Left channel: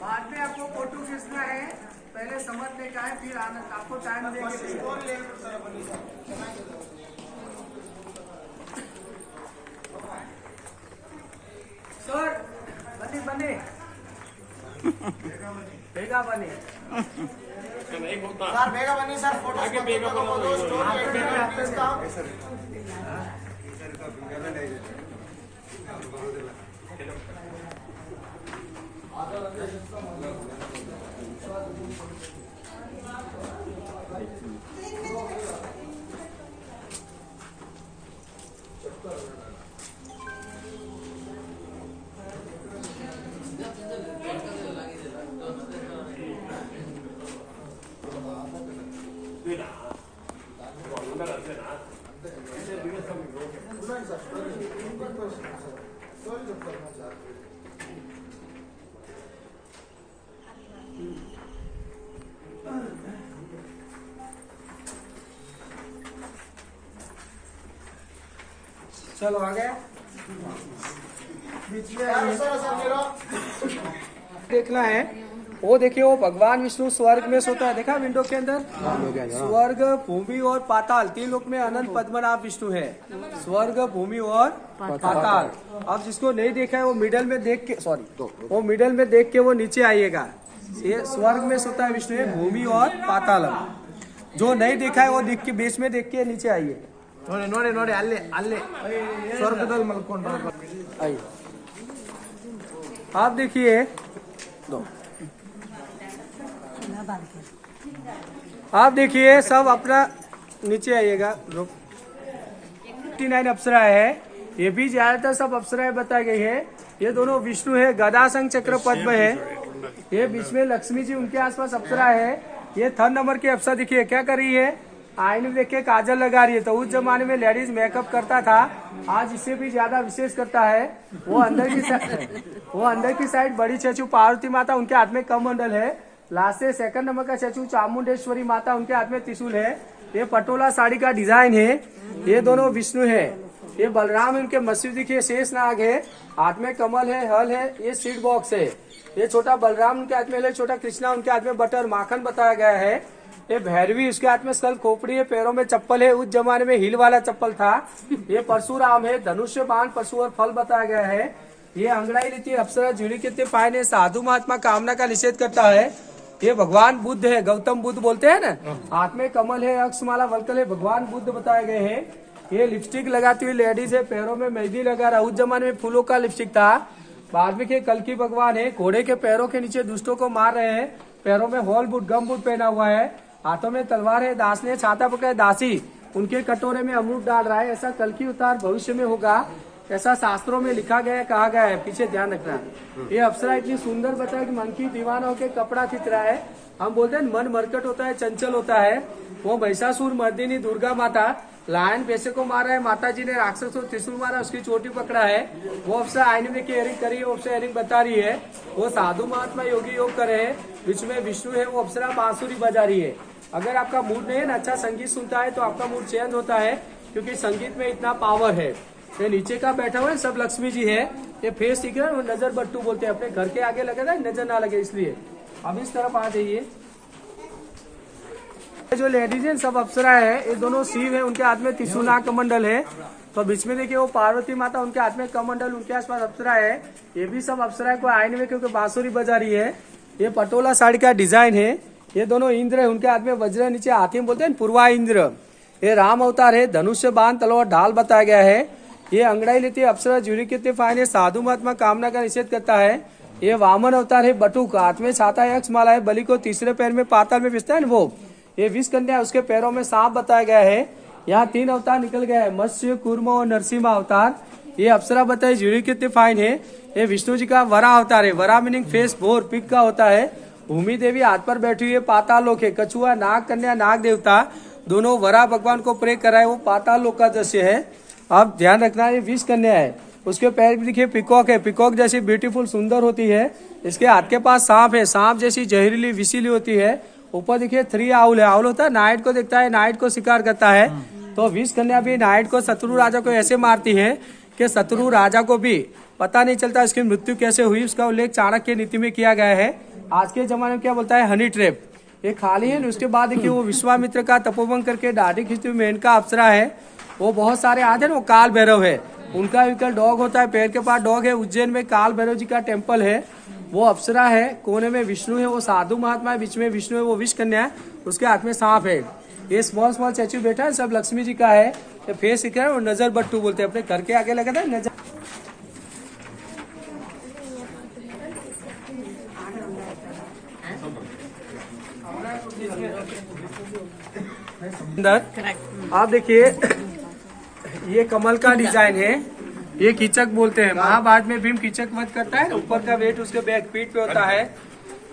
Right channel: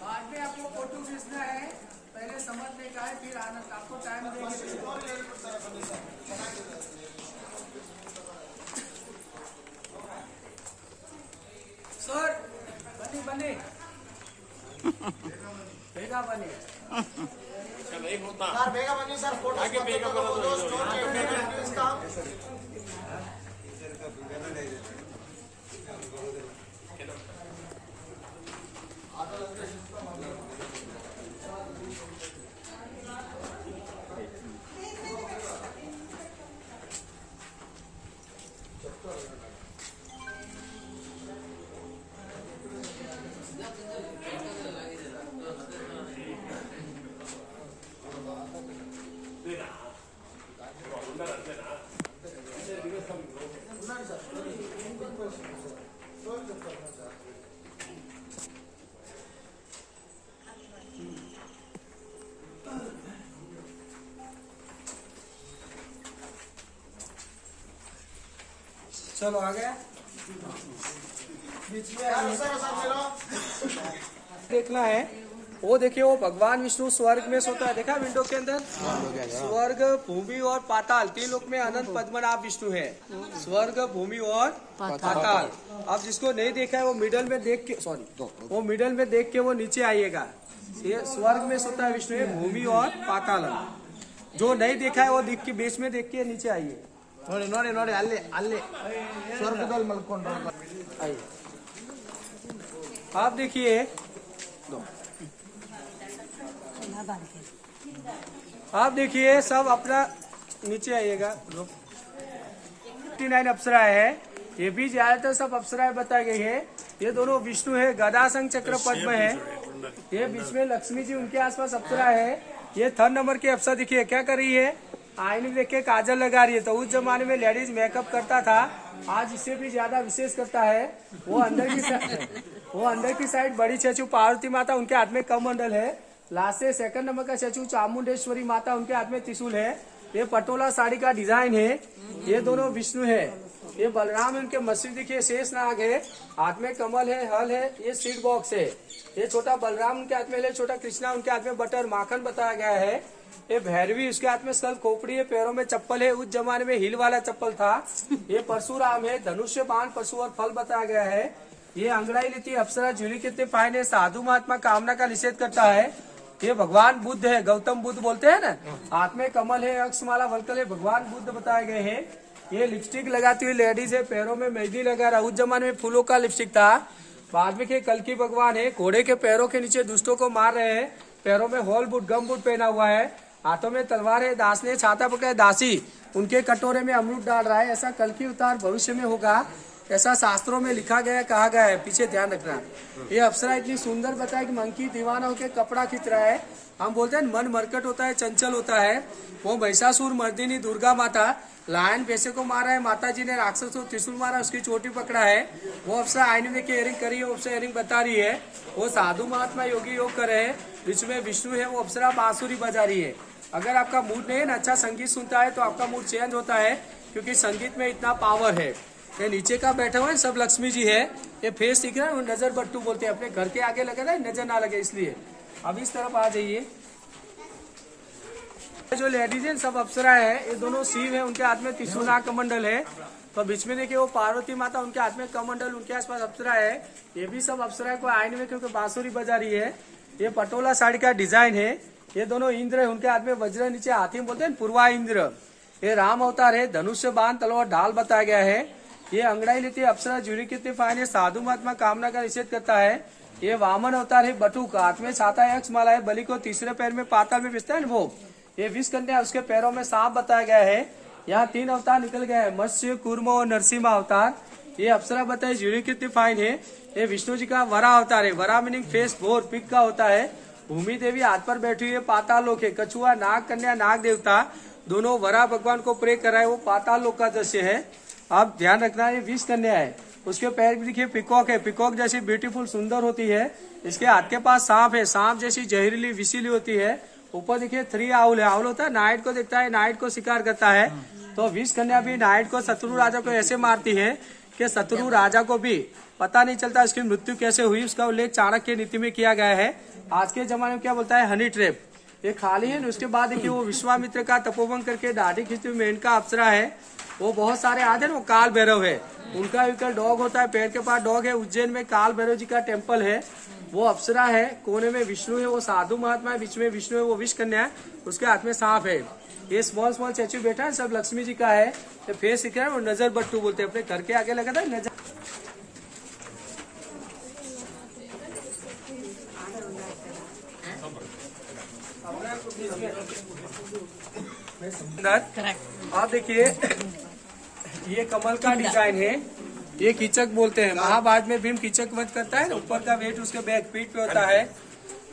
बाद में आपको फोटो खींचना है, पहले समझने का है, फिर आपको टाइम देंगे। सर बने बने बेगा बने सर बेगा बनी सर फोटो आगे बेगा चलो आगे देखना है। वो देखिए, वो भगवान विष्णु स्वर्ग में सोता है, देखा विंडो के अंदर। स्वर्ग, भूमि और पाताल, तीन लोक में अनंत पद्मनाभ विष्णु है। स्वर्ग, भूमि और पाताल। अब जिसको नहीं देखा है वो मिडल में देख के, वो मिडल में देख के वो नीचे आइएगा। ये स्वर्ग में सोता है विष्णु है, भूमि और पाताल। जो नहीं देखा है वो देख के, बीच में देख के नीचे आइए। ನೋಡಿ ನೋಡಿ ನೋಡಿ ಅಲ್ಲೇ ಅಲ್ಲೇ ಸ್ವರ್ಗದಲ್ಲಿ ಮಲ್ಕೊಂಡ್ರು। आप देखिए, आप देखिए, सब अपना नीचे आइएगा। 59 अप्सरा है, ये भी ज्यादातर सब अप्सराएं बताई गई है। ये दोनों विष्णु है, गदा संग चक्र पद्म है। ये बीच में लक्ष्मी जी, उनके आसपास अप्सरा है। ये 3 नंबर की अप्सरा देखिए क्या कर रही है, आईने में देख के काजल लगा रही है। तो उस जमाने में लेडीज मेकअप करता था, आज इससे भी ज्यादा विशेष करता है। वो अंदर की साइड बड़ी चचू पार्वती माता, उनके हाथ में कमंडल है। लास्ट से 2 नंबर का चचू चामुंडेश्वरी माता, उनके हाथ में त्रिशूल है। ये पटोला साड़ी का डिजाइन है। ये दोनों विष्णु है। ये बलराम है, उनके मत्स्य देखिए शेष नाग है, हाथ में कमल है, हल है। ये सीड बॉक्स है। ये छोटा बलराम उनके हाथ में है, छोटा कृष्णा उनके हाथ में बटर माखन बताया गया है। ये भैरवी, उसके हाथ में स्कल खोपड़ी है, पैरों में चप्पल है, उस जमाने में हील वाला चप्पल था। ये परशुराम है, धनुष्य बाण पशु और फल बताया गया है। ये अंगड़ाई लेती है अप्सरा, झुड़ी कितने पाए ने, साधु महात्मा कामना का निषेध करता है। ये भगवान बुद्ध है, गौतम बुद्ध बोलते हैं ना। हाथ में कमल है, अक्षमाला वलकल है, भगवान बुद्ध बताए गए हैं। ये लिपस्टिक लगाती हुई लेडीज है, पैरों में मेहंदी लगा रहा। उस जमाने में फूलों का लिपस्टिक था। बाद में के कल की भगवान है, घोड़े के पैरों के नीचे दुष्टों को मार रहे हैं। पैरों में हॉल बूट, गम बूट पहना हुआ है, हाथों में तलवार है। दास ने छाता पकड़ा, दासी उनके कटोरे में अमृत डाल रहा है। ऐसा कल की उतार भविष्य में होगा। ऐसा शास्त्रों में लिखा गया है, कहा गया है, पीछे ध्यान रखना। ये अप्सरा इतनी सुंदर बताया कि मंकी दीवाना होकर कपड़ा खींच रहा है। हम बोलते हैं मन मरकट होता है, चंचल होता है। वो महिषासुर मर्दिनी दुर्गा माता लायन पैसे को मारा है, माता जी ने राक्षस को त्रिशूल मारा, उसकी चोटी पकड़ा है। वो अप्सरा आईने में इयरिंग करी है, वो अप्सरा इयरिंग बता रही है। वो साधु महात्मा योगी योग कर रहे हैं, बीच में विष्णु है, वो अप्सरा बांसुरी बजा रही है। अगर आपका मूड नहीं है ना, अच्छा संगीत सुनता है तो आपका मूड चेंज होता है, क्योंकि संगीत में इतना पावर है। ये नीचे का बैठा हुआ है सब लक्ष्मी जी है। ये फेस दिख रहा है, वो नजर बट्टू बोलते हैं, अपने घर के आगे लगे था नजर ना लगे इसलिए। अब इस तरफ आ जाइए। जो लेडीज है सब अप्सरा है, ये दोनों शिव है, उनके हाथ में त्रिशूल कमंडल है। तो बीच में देखिए वो पार्वती माता, उनके हाथ में कमंडल, उनके आसपास अप्सरा है। ये भी सब अप्सरा को आईने में क्योंकि बांसुरी बजा रही है। ये पटोला साड़ी का डिजाइन है। ये दोनों इंद्र है, उनके हाथ में वज्र, नीचे हाथी बोलते हैं पूर्वा इंद्र। ये राम अवतार है, धनुष से बाण तलवार ढाल बताया गया है। ये अंगड़ाई लेती है अप्सरा, जूरी कितने फाइन है, साधु महात्मा कामना का निषेध करता है। ये वामन अवतार है, बटुक, हाथ में छाता यक्ष माला है, बलि को तीसरे पैर में पाताल में पिसता है ना वो। ये विष कन्या, उसके पैरों में सांप बताया गया है। यहाँ 3 अवतार निकल गया है, मत्स्य, कूर्म और नरसिम्हा अवतार। ये अप्सरा बताए जूरी कितने फाइन है। ये विष्णु जी का वरा अवतार है, वरा मीनिंग फेस भोर पिक का होता है। भूमि देवी हाथ पर बैठी हुई है, पाताल लोक है। कछुआ, नाग कन्या, नाग देवता दोनों वरा भगवान को प्रे कराए, वो पाताल लोक का दृश्य है। अब ध्यान रखना है, विष कन्या है, उसके पैर भी देखिए पिकॉक है, पिकॉक जैसी ब्यूटीफुल सुंदर होती है। इसके हाथ के पास सांप है, सांप जैसी जहरीली विषीली होती है। ऊपर देखिए 3 आउल है, आउल होता है नाइट को देखता है, नाइट को शिकार करता है। तो विष कन्या भी नाइट को, शत्रु राजा को ऐसे मारती है कि शत्रु राजा को भी पता नहीं चलता उसकी मृत्यु कैसे हुई। उसका उल्लेख चाणक्य नीति में किया गया है। आज के जमाने में क्या बोलता है, हनी ट्रैप। ये खाली है। उसके बाद देखिए वो विश्वामित्र का तपोवन करके दाढ़ी खींचती हुई मेनका अप्सरा है। वो बहुत सारे आते हैं, वो काल भैरव है, उनका विकल डॉग होता है, पैर के पास डॉग है। उज्जैन में काल भैरव जी का टेम्पल है, वो अप्सरा है। कोने में विष्णु है, वो साधु महात्मा है, बीच में विष्णु है, वो विष कन्या है, उसके हाथ में सांप है। ये स्मॉल स्मॉल स्टैचू बैठा है, सब लक्ष्मी जी का है। ये फेस दिख रहा है, वो नजर बट्टू बोलते हैं, अपने घर के आगे लगा था नजर। आप देखिए ये कमल का डिजाइन है, ये कीचक बोलते हैं। महाभारत में भीम कीचक वध करता है, ऊपर का वेट उसके बैक पीठ पे होता है।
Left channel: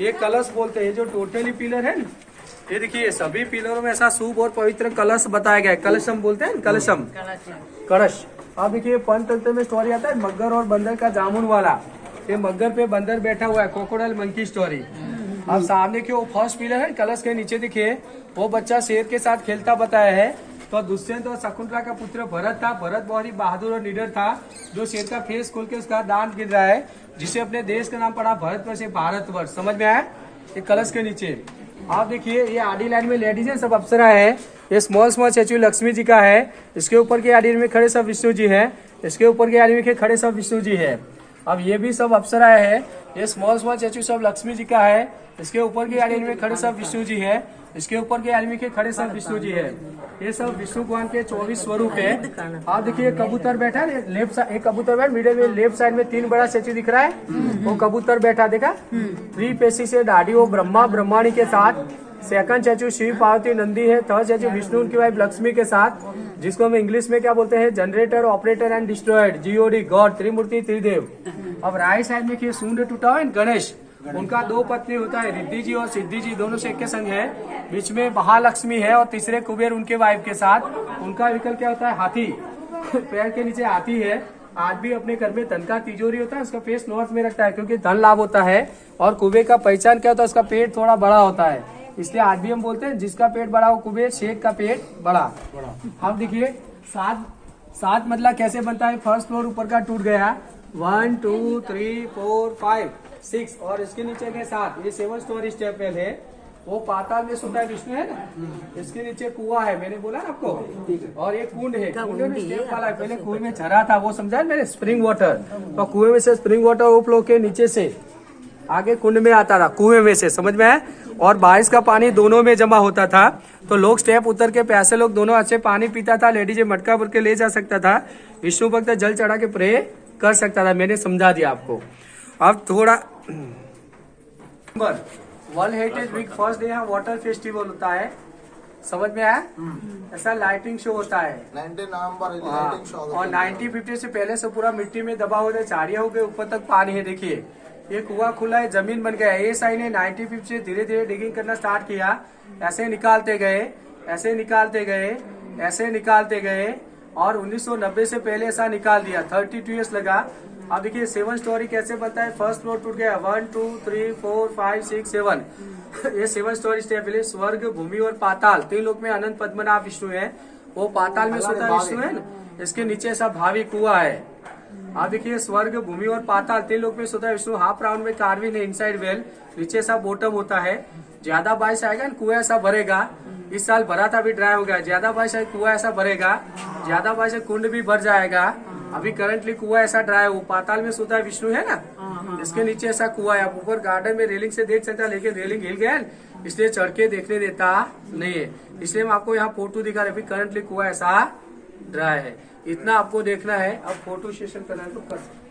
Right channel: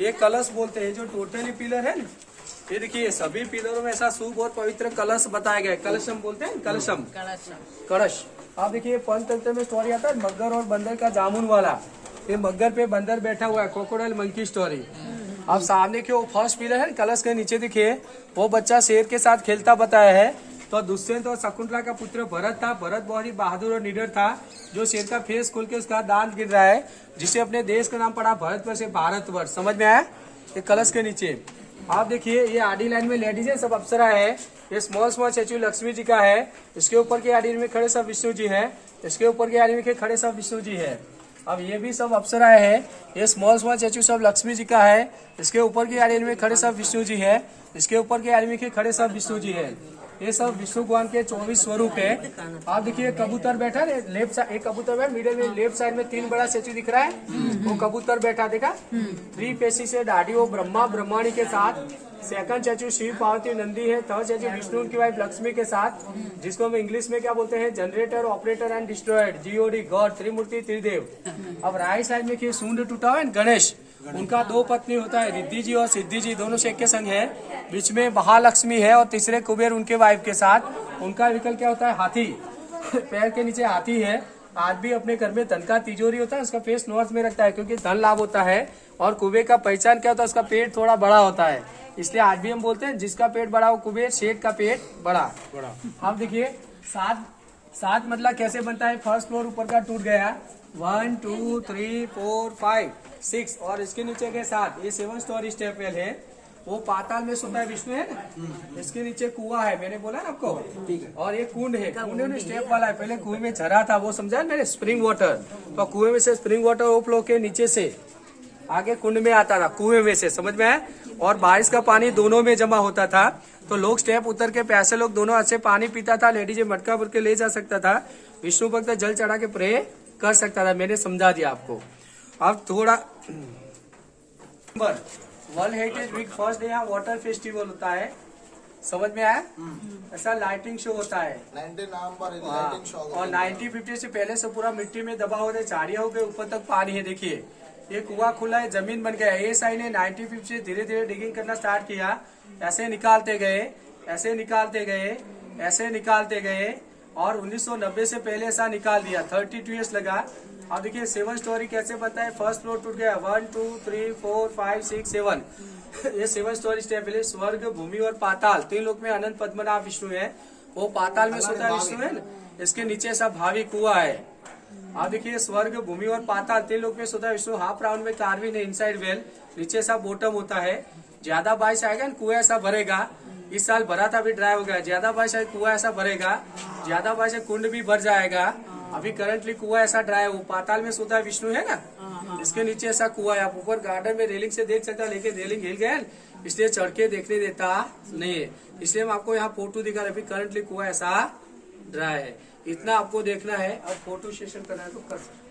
ये कलश बोलते हैं, जो टोटली पिलर है ना, ये देखिए सभी पिलरों में ऐसा शुभ और पवित्र कलश बताया गया है। कलशम बोलते हैं, कलशम, कलश। आप देखिए पंचतंत्र में स्टोरी आता है मगर और बंदर का जामुन वाला। ये मगर पे बंदर बैठा हुआ है, क्रोकोडाइल मंकी स्टोरी। अब सामने के वो फर्स्ट पिलर है, कलश के नीचे देखिए वो बच्चा शेर के साथ खेलता बताया है। तो दुष्यंत और शकुंतला का पुत्र भरत था। भरत बहुत ही बहादुर और निडर था, जो शेर का फेस खोल के उसका दांत गिर रहा है, जिसे अपने देश का नाम पड़ा भरतवर्ष से भारतवर्ष। समझ में आया? ये कलश के नीचे आप देखिए ये आडी लाइन में लेडीज है, सब अप्सरा है। ये small small statue Lakshmi ji का है। इसके ऊपर के आडी में खड़े सब विष्णु जी है, इसके ऊपर के आडी में खड़े सब विष्णु जी है। अब ये भी सब अप्सरा है। ये स्मॉल स्मॉल स्टैचू सब लक्ष्मी जी का है, इसके ऊपर की आड़ी में खड़े सब विष्णु जी है, इसके ऊपर के आदमी के खड़े सब विष्णु जी है। ये सब विष्णु भगवान के 24 स्वरूप है। आप देखिए कबूतर बैठा है लेफ्ट साइड, एक कबूतर बैठा मिडिल में, लेफ्ट साइड में 3 बड़ा स्टैचू दिख रहा है, वो कबूतर बैठा देखा, 3 पेशी से दाढ़ी, वो ब्रह्मा ब्रह्माणी के साथ। सेकंड स्टैचू शिव पार्वती नंदी है। थर्ड स्टैचू विष्णु उनकी वाइफ लक्ष्मी के साथ, जिसको हम इंग्लिश में क्या बोलते हैं, generator, operator and destroyer, G O D, god, Trimurti Tridev. अब राइट साइड में सूंड टूटा हुआ है गणेश, उनका 2 पत्नी होता है, रिद्धि जी और सिद्धि जी, दोनों से एक के संग है। बीच में महालक्ष्मी है और तीसरे कुबेर उनके वाइफ के साथ। उनका विकल्प क्या होता है, हाथी। पैर के नीचे हाथी है। आज भी अपने घर में धन का तिजोरी होता है, उसका फेस नॉर्थ में रखता है क्योंकि धन लाभ होता है। और कुबेर का पहचान क्या होता है, उसका पेट थोड़ा बड़ा होता है, इसलिए आज भी हम बोलते हैं जिसका पेट बड़ा हो कुबेर, शेख का पेट बड़ा। अब देखिए 7 मतला कैसे बनता है। फर्स्ट फ्लोर ऊपर का टूट गया, 1 2 3 4 5 6 और इसके नीचे के 7। ये 7 स्टोरी स्टेप वेल है। वो पाताल में सुधा विष्णु है ना, इसके नीचे कुआं है, मैंने बोला ना आपको। और ये कुंड है, कुंड में स्टेप वाला है। पहले कुएं में झरा था, वो समझा मैंने, स्प्रिंग वाटर। तो कुएं में से स्प्रिंग वाटर ओवरफ्लो के नीचे से आगे कुंड में आता था, कुएं में से, समझ में आया। और बारिश का पानी दोनों में जमा होता था, तो लोग स्टेप उतर के प्यासे लोग दोनों हाथ से पानी पीता था। लेडीज मटका भर के ले जा सकता था। विष्णु भक्त जल चढ़ा के प्रे कर सकता था। मैंने समझा दिया आपको। अब थोड़ा world heritage week first day यहाँ वाटर फेस्टिवल होता है। समझ में आया? ऐसा लाइटिंग शो होता है। 19 नवंबर हाँ, लाइटिंग शो और 1950 से पहले से पूरा मिट्टी में दबा हो गया, झाड़ियां हो गई, ऊपर तक पानी है। देखिए ये कुआं खुला है, जमीन बन गया। ASI ने 1950 से धीरे धीरे डिगिंग करना स्टार्ट किया। ऐसे निकालते गए, ऐसे निकालते गए, ऐसे निकालते गए, और 1990 से पहले ऐसा निकाल दिया। 32 ईयर्स लगा। अब देखिए 7 स्टोरी कैसे बनता है। फर्स्ट फ्लोर टूट गया, 1 2 3 4 5 6 7 ये 7 स्टोरी स्टेप है। स्वर्ग, भूमि और पाताल, 3 लोक में अनंत पद्मनाभ विष्णु है। वो पाताल में सोता विष्णु है ना, इसके नीचे ऐसा भावी कुआं है। आप देखिए स्वर्ग, भूमि और पाताल, 3 लोक में सोता है विष्णु। हाफ राउंड में कार्विन है, इनसाइड वेल, नीचे सा बॉटम होता है। ज्यादा बारिश आएगा ना कुआं ऐसा भरेगा। इस साल भरा था, अभी ड्राई हो गया। ज्यादा बारिश आए कुआं ऐसा भरेगा, ज्यादा बारिश कुंड भी भर जाएगा। अभी करंटली कुआं ऐसा ड्राई है। वो पाताल में सोता है विष्णु है ना, इसके नीचे ऐसा कुआं है। आप ऊपर गार्डन में रेलिंग से देख सकते हैं, लेकिन रेलिंग हिल गया इसलिए चढ़ के देखने देता नहीं है। इसलिए हम आपको यहाँ फोटो दिखा रहे। अभी करंटली कुआं ऐसा ड्राई है। इतना आपको देखना है। अब फोटो सेशन करना है तो कर सकते हैं।